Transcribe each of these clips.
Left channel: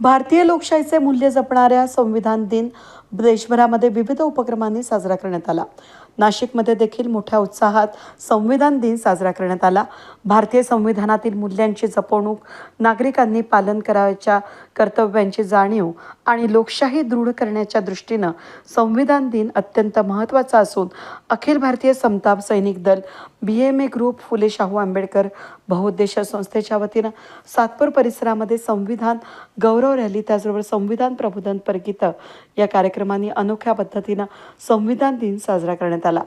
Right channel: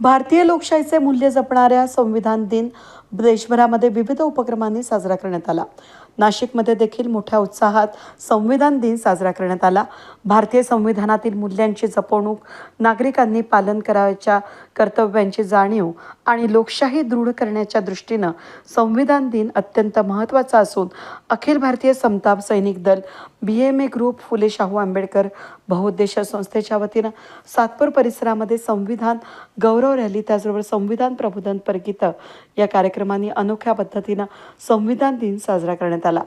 भारतीय लोकशाहीचे मूल्य जपणाऱ्या संविधान दिन देशभरामध्ये विविध उपक्रमांनी साजरा करण्यात आला. नाशिकमध्ये देखील मोठ्या उत्साहात संविधान दिन साजरा करण्यात आला. भारतीय संविधानातील मूल्यांची जपवणूक नागरिकांनी पालन करावयाच्या कर्तव्यांची जाणीव आणि लोकशाही दृढ करण्याच्या दृष्टीनं संविधान दिन अत्यंत महत्त्वाचा असून अखिल भारतीय समताप सैनिक दल B M A group Phule Shahu Ambedkar बहुउद्देश संस्थेच्या वतीनं सातपूर परिसरामध्ये संविधान गौरव रॅली त्याचबरोबर संविधान प्रबोधन परगीत या कार्यक्रमांनी अनोख्या पद्धतीनं संविधान दिन साजरा करण्यात आला.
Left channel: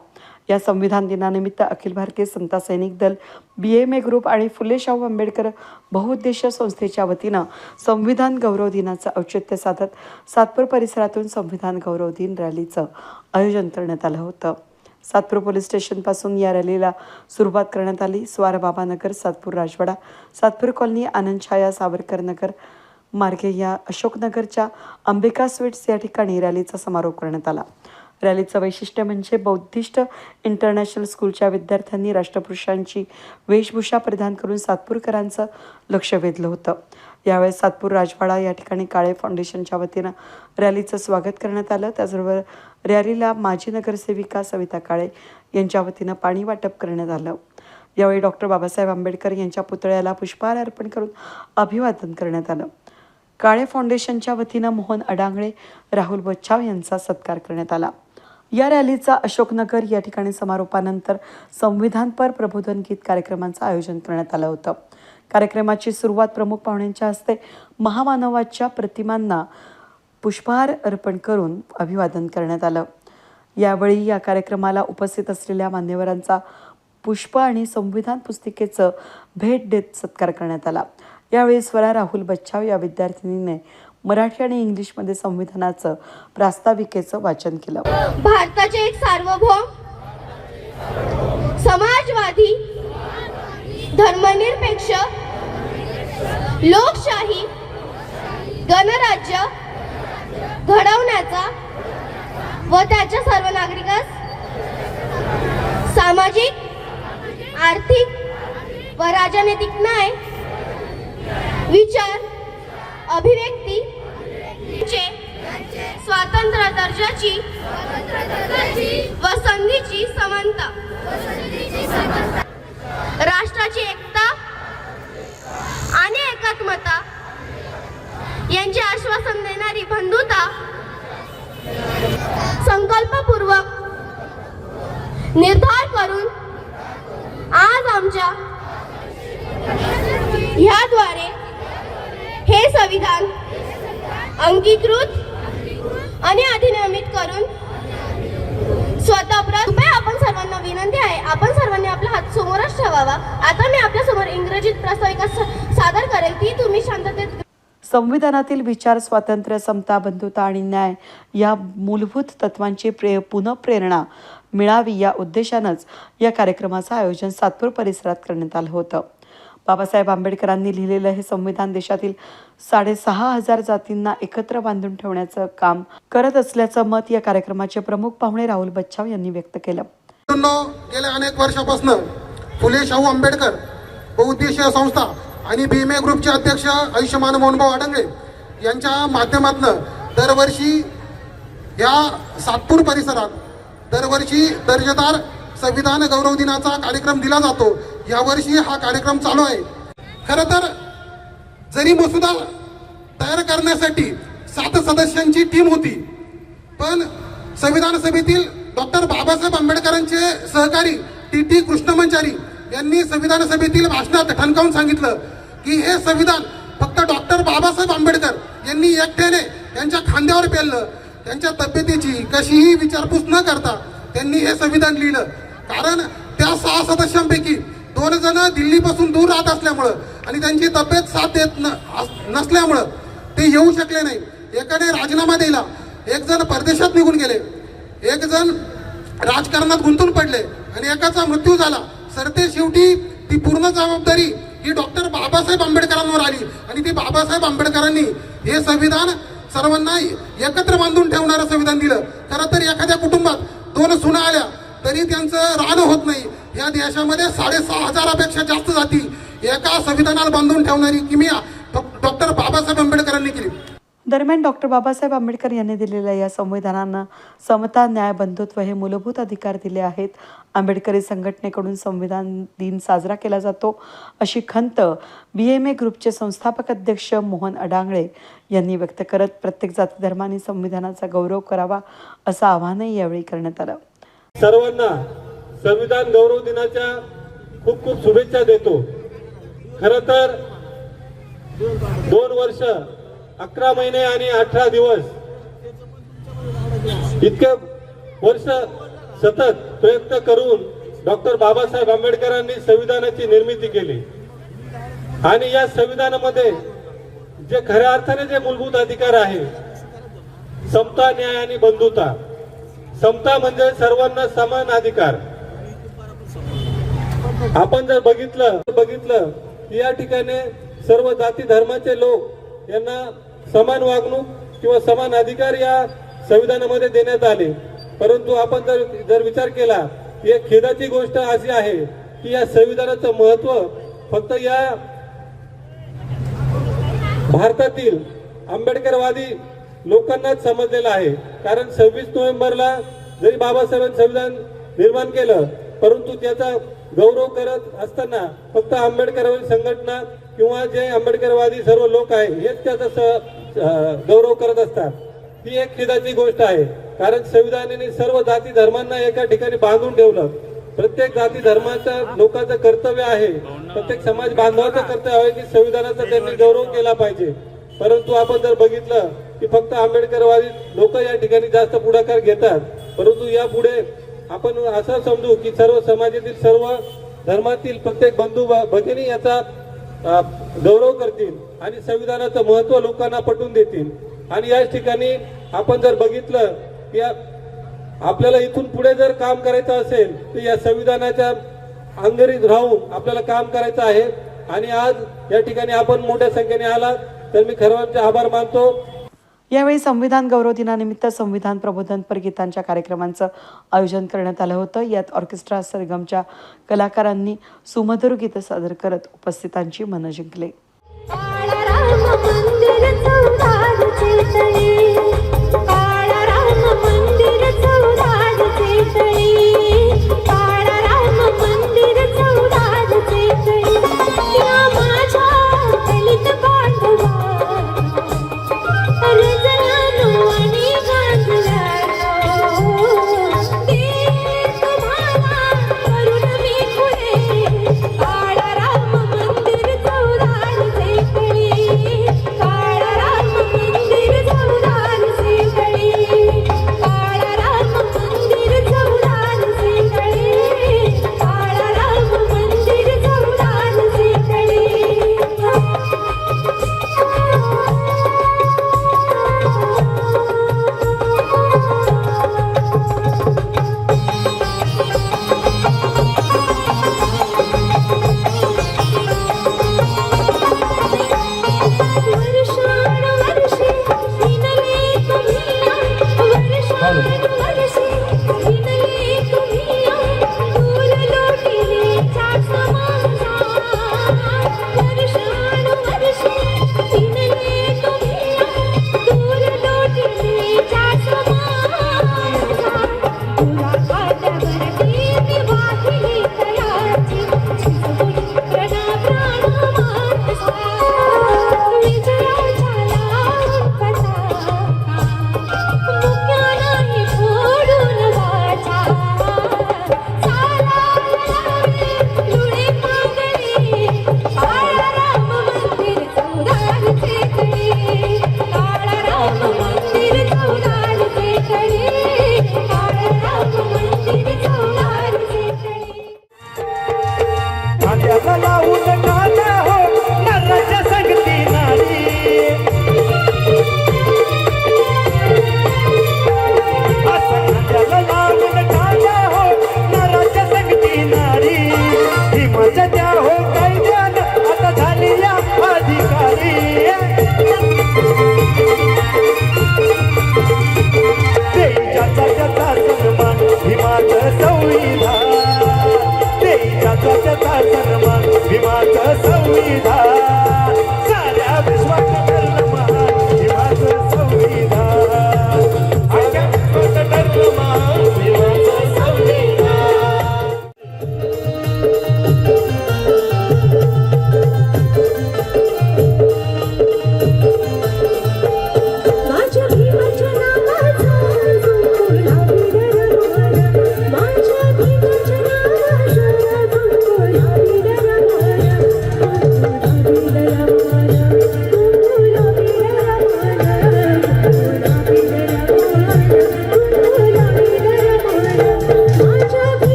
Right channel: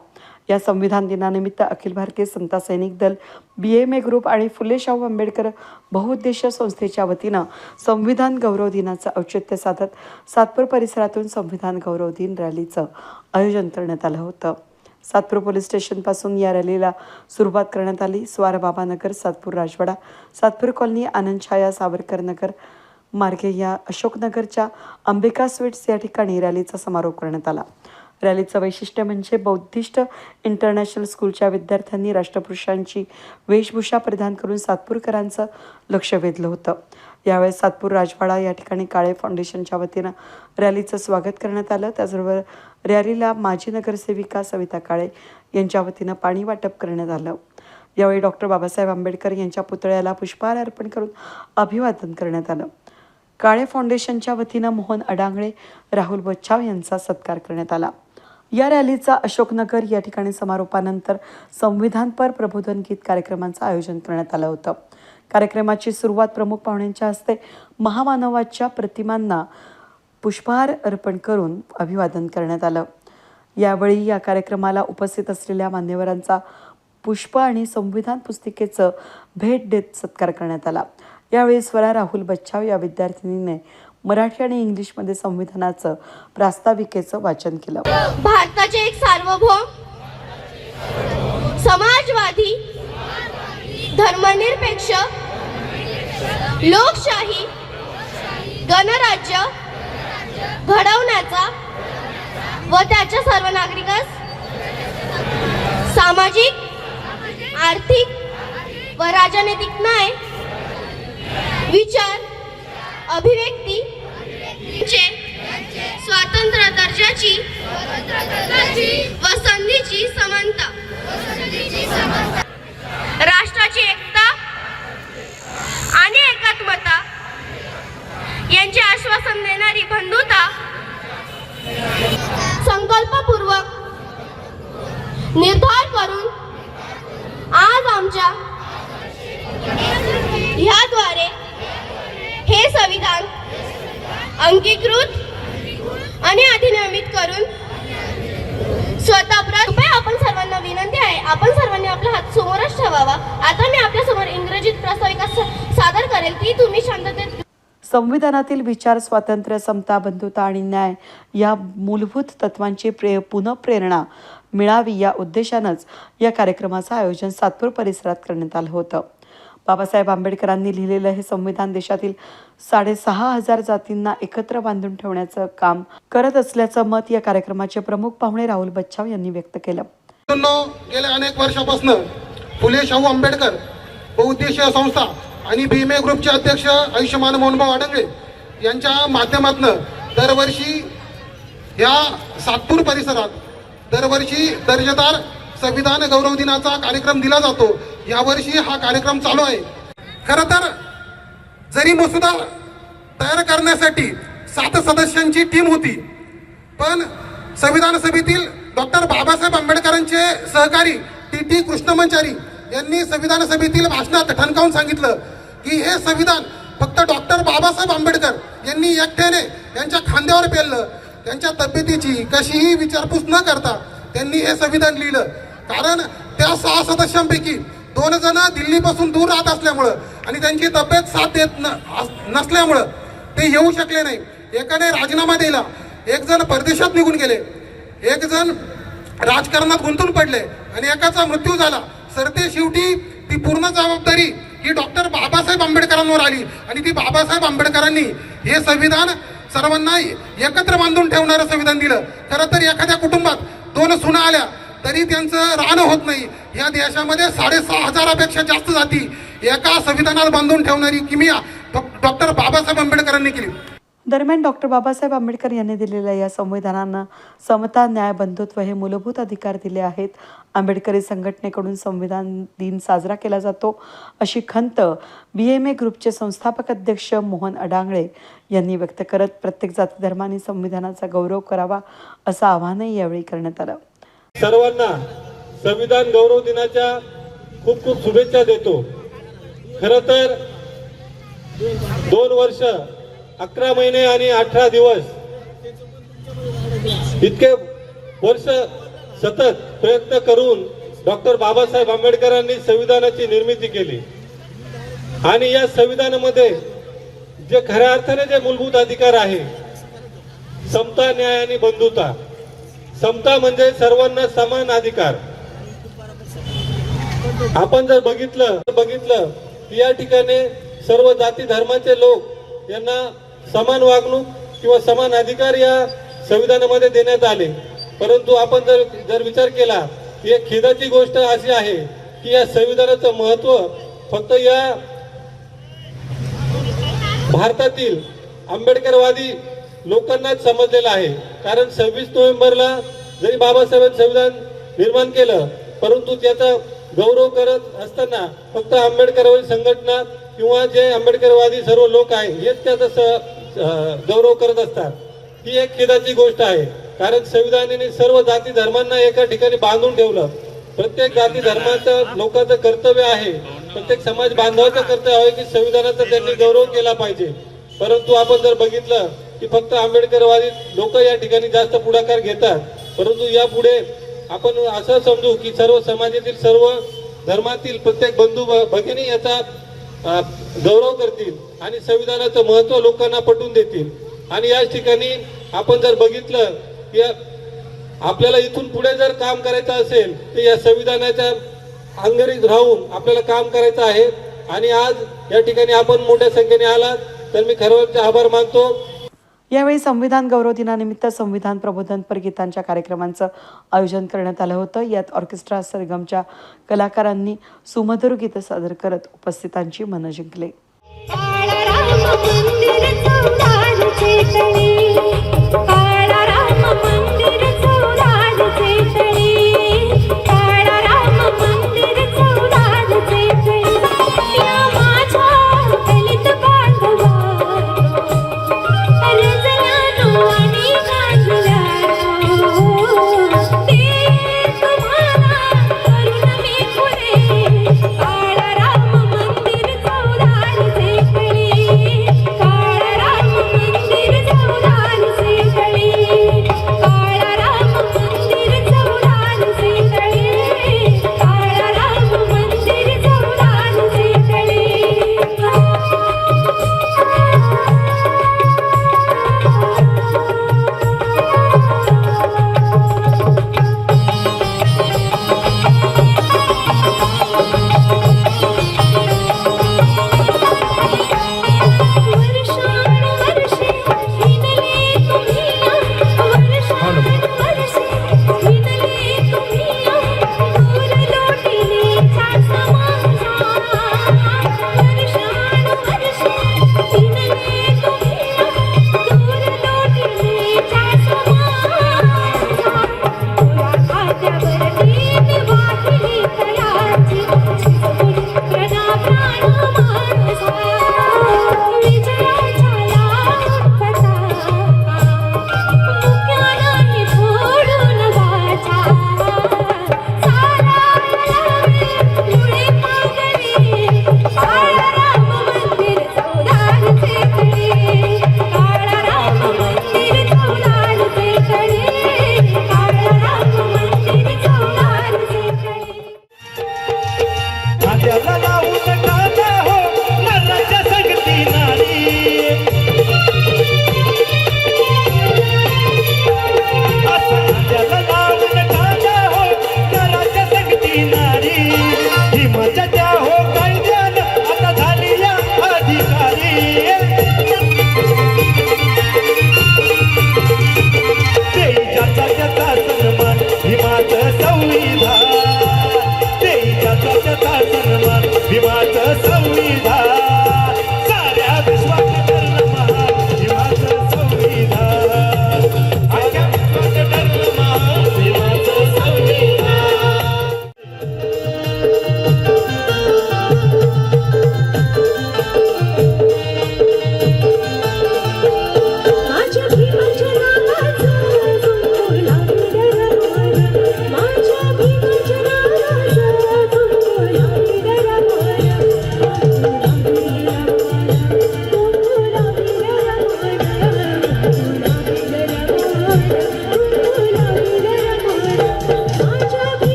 या संविधान दिनानिमित्त अखिल भारतीय समता सैनिक दल बी एम ए ग्रुप आणि फुले शाहू आंबेडकर बहुउद्देशीय संस्थेच्या वतीनं संविधान गौरव दिनाचं औचित्य साधत सातपूर परिसरातून संविधान गौरव दिन रॅलीचं आयोजन करण्यात आलं होतं. सातपूर पोलीस स्टेशनपासून या रॅलीला सुरुवात करण्यात आली. स्वारबाबा नगर सातपूर राजवाडा सातपूर कॉलनी आनंद छाया सावरकर नगर मार्गे या अशोकनगरच्या अंबिका स्वीट्स या ठिकाणी रॅलीचा समारोप करण्यात आला. रॅलीचं वैशिष्ट्य म्हणजे बौद्धिस्ट इंटरनॅशनल स्कूलच्या विद्यार्थ्यांनी राष्ट्रपुरुषांची वेशभूषा परिधान करून सातपूरकरांचं लक्ष वेधलं होतं. यावेळेस सातपूर राजवाडा या ठिकाणी काळे फाउंडेशनच्या वतीनं रॅलीचं स्वागत करण्यात आलं. त्याचबरोबर रॅलीला माजी नगरसेविका सविता काळे यांच्या वतीनं पाणी वाटप करण्यात आलं. यावेळी डॉक्टर बाबासाहेब आंबेडकर यांच्या पुतळ्याला पुष्पहार अर्पण करून अभिवादन करण्यात आलं. काळे फाउंडेशनच्या वतीनं मोहन अडांगळे राहुल बच्छाव यांचा सत्कार करण्यात आला. या रॅलीचा अशोकनगर या ठिकाणी समारोपानंतर संविधानपर प्रबोधन गीत कार्यक्रमांचं आयोजन करण्यात आलं होतं. कार्यक्रमाची सुरुवात प्रमुख पाहुण्यांच्या हस्ते महामानवाच्या प्रतिमांना पुष्पहार अर्पण करून अभिवादन करण्यात आलं. यावेळी या कार्यक्रमाला उपस्थित असलेल्या मान्यवरांचा पुष्प आणि संविधान पुस्तिकेचं भेट देत सत्कार करण्यात आला. यावेळी स्वरा राहुल बच्छाव या विद्यार्थिनीने मराठी आणि इंग्लिशमध्ये संविधानाचं प्रास्ताविकेचं वाचन केलं. भारताचे एक सार्वभौम समाजवादी धर्मनिरपेक्ष लोकशाही गणराज्य घडवण्याचा व त्याच्या सर्व नागरिकास सामाजिक आर्थिक व राजनैतिक न्याय विचार अभिव्यक्ती चे स्वातंत्र्य दर्जाची व संधीची समानता. राष्ट्राची एकता आणि एकात्मता यांचे आश्वासन देणारी बंधुता संकल्पपूर्वक निर्धार करून आज आमच्या ह्याद्वारे हे संविधान अंगीकृत आणि अधिनियमित करून स्वतः कृपया आपण सर्वांना विनंती आहे आपण सर्वांनी आपला हात समोरच ठेवावा आता मी आपल्यासमोर इंग्रजीत प्रास्ताविका सादर करेल ती तुम्ही शांततेत संविधानातील विचार स्वातंत्र्य समता बंधुता आणि न्याय या मूलभूत तत्वांची प्रे पुनःप्रेरणा मिळावी या उद्देशानंच या कार्यक्रमाचं आयोजन सातपूर परिसरात करण्यात आलं होतं. बाबासाहेब आंबेडकरांनी लिहिलेलं हे संविधान देशातील साडेसहा हजार जातींना एकत्र बांधून ठेवण्याचं काम करत असल्याचं मत या कार्यक्रमाचे प्रमुख पाहुणे राहुल बच्छाव यांनी व्यक्त केलं. गेल्या अनेक वर्षापासून फुले शाहू आंबेडकर बहुउद्देशीय संस्था आणि भीमे ग्रुपचे अध्यक्ष आयुष्यमान मोहनभाऊ अडंगे यांच्या माध्यमातून दरवर्षी या सातपूर परिसरात दरवर्षी दर्जेदार संविधान गौरव दिनाचा कार्यक्रम दिला जातो. यावर्षी हा कार्यक्रम चालू आहे. खर तर जरी मसुदा तयार करण्यासाठी सात सदस्यांची टीम होती पण संविधान सभेतील डॉक्टर बाबासाहेब आंबेडकरांचे सहकारी टी टी कृष्णमंचारी यांनी संविधान सभेतील भाषणात ठणकावून सांगितलं की हे संविधान फक्त डॉक्टर बाबासाहेब आंबेडकर यांनी एकट्याने त्यांच्या खांद्यावर पेललं. त्यांच्या तब्येतीची कशीही विचारपूस न करता त्यांनी हे संविधान लिहिलं. कारण त्या सहा सदस्यांपैकी दोन जण दिल्लीपासून दूर राहत असल्यामुळं आणि त्यांची तब्येत साथ देत न- अस- नसल्यामुळं ते येऊ शकले नाही. एकाने राजीनामा दिला. एक जण परदेशात निघून गेले. एक जण राजकारणात गुंतून पडले आणि एकाचा मृत्यू झाला. सरतेशेवटी ती पूर्ण जबाबदारी ही डॉक्टर बाबासाहेब आंबेडकरांवर आली. आणि ती बाबासाहेब आंबेडकरांनी हे संविधान सर्वांना एकत्र बांधून ठेवणारं संविधान दिलं. खरं तर एखाद्या कुटुंबात दोन सुना आल्या तरी त्यांचं राहणं होत नाही. या देशामध्ये साडेसहा हजारापेक्षा जास्त जाती एका संविधानाला बांधून ठेवणारी किमिया डॉक्टर बाबासाहेब आंबेडकरांनी केली. दरम्यान डॉक्टर बाबासाहेब आंबेडकर यांनी दिलेल्या या संविधानानं समता न्याय बंधुत्व हे मूलभूत अधिकार दिले आहेत. आंबेडकरी संघटनेकडून संविधान दिन साजरा केला जातो. अशी खंत बी एम ए ग्रुपचे संस्थापक अध्यक्ष मोहन अडांगळे यांनी व्यक्त करत प्रत्येक जाती धर्माने संविधानाचा गौरव करावा असं आवाहनही यावेळी करण्यात आलं. सर्वांना संविधान गौरव दिनाच्या खूप खूप शुभेच्छा देतो. खर तर दोन वर्ष अकरा महिने आणि अठरा दिवस. इतके वर्ष सतत प्रयत्न करून डॉक्टर बाबासाहेब आंबेडकरांनी संविधानाची निर्मिती केली. आणि या संविधानामध्ये जे खऱ्या अर्थाने जे मूलभूत अधिकार आहे समता न्याय आणि बंधुता समता म्हणजे सर्वांना समान अधिकार. आपण जर बघितलं बघितलं या ठिकाणी सर्व जाती धर्माचे लोक यांना समान वागणूक किंवा समान अधिकार या संविधानामध्ये देण्यात आले. परंतु आपण जर जर विचार केला की एक खेदाची गोष्ट अशी आहे की या संविधानाचं महत्त्व फक्त या भारतातील आंबेडकरवादी लोकांनाच समजलेलं आहे. कारण सव्वीस नोव्हेंबरला जरी बाबासाहेबांनी संविधान निर्माण केलं परंतु त्याचा गौरव करत असताना फक्त आंबेडकरवादी संघटना किंवा जे आंबेडकरवादी सर्व लोक आहे हेच त्याचा गौरव करत असतात. ही एक खेदाची गोष्ट आहे. कारण संविधानाने सर्व जाती धर्मांना एका ठिकाणी बांधून ठेवलं. प्रत्येक जाती धर्माचं लोकांचं कर्तव्य आहे. प्रत्येक समाज बांधवाचं कर्तव्य आहे की संविधानाचा त्यांनी गौरव केला पाहिजे. परंतु आपण जर बघितलं की फक्त आंबेडकरवादी लोक या ठिकाणी जास्त पुढाकार घेतात. परंतु यापुढे आपण असं समजू की सर्व समाजातील सर्व धर्मातील प्रत्येक बंधू भगिनी याचा गौरव करतील आणि संविधानाचं महत्त्व लोकांना पटवून देतील. आणि याच ठिकाणी आपण जर बघितलं की आपल्याला इथून पुढे जर काम करायचं असेल तर या संविधानाच्या अंगरीत राहून आपल्याला काम करायचं आहे. आणि आज या ठिकाणी आपण मोठ्या संख्येने आलात तर मी खरवरचे आभार मानतो. यावेळी संविधान गौरव दिनानिमित्त संविधान प्रबोधनपर गीतांच्या कार्यक्रमांचं आयोजन करण्यात आलं होतं. यात ऑर्केस्ट्रा सरगमच्या कलाकारांनी सुमधुर गीतं सादर करत उपस्थितांची मनं जिंकले.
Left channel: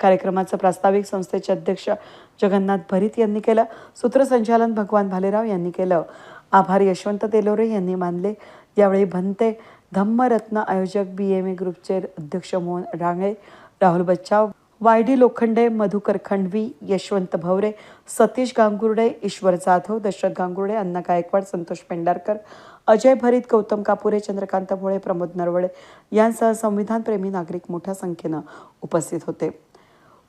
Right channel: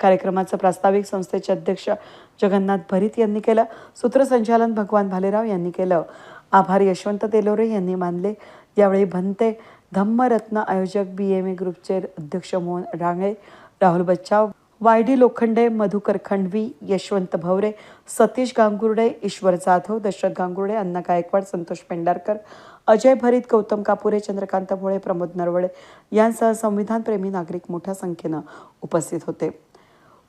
कार्यक्रमाचं प्रास्ताविक संस्थेचे अध्यक्ष जगन्नाथ भरीत यांनी केलं. सूत्रसंचालन भगवान भालेराव यांनी केलं. आभार यशवंत तेलोरे यांनी मानले. यावेळी भंते धम्मरत्न आयोजक बी एम ए ग्रुपचे अध्यक्ष मोहन रांगळे राहुल बच्चाव वाय डी लोखंडे मधुकर खंडवी यशवंत भवरे सतीश गांगुर्डे ईश्वर जाधव दशरथ गांगुर्डे अण्णा गायकवाड संतोष पेंढारकर अजय भरीत गौतम कापुरे चंद्रकांत भोळे प्रमोद नरवळे यांसह संविधानप्रेमी नागरिक मोठ्या संख्येनं उपस्थित होते.